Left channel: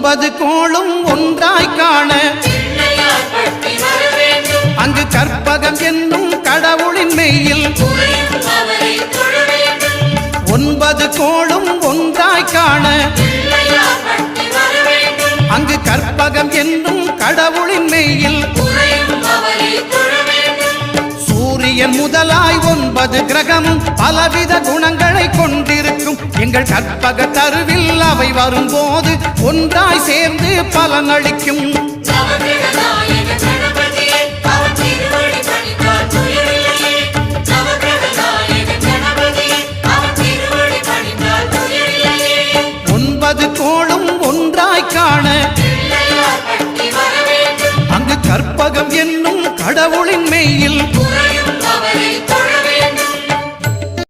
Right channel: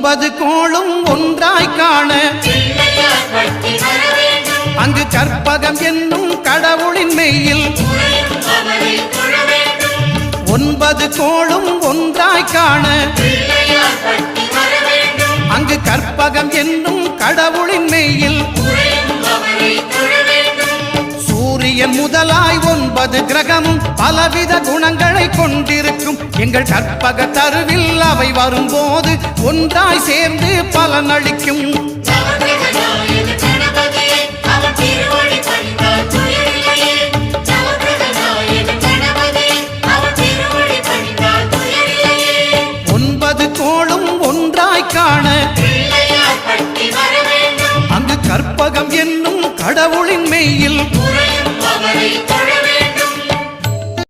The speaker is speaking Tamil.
9 கோளும் ஒன்றாய் காண அங்கு கற்பகம் என்னும் கடவுளின் மெய்யில் 9 கோளும் ஒன்றாய் காண அங்கு கற்பகம் என்னும் கடவுளின் மெய்யில் சூரியன் முதலாய் 9 கிரகமும் பலவித குணங்களை கொண்டிருக்கும் எங்கள் கற்பக தருவில் அவை வரும்போது ஒன்றாய் சேர்ந்து பலனளிக்கும். கோளும் ஒன்றாய் காண அங்கு கற்பகம் என்னும் கடவுளின் மெய்யில்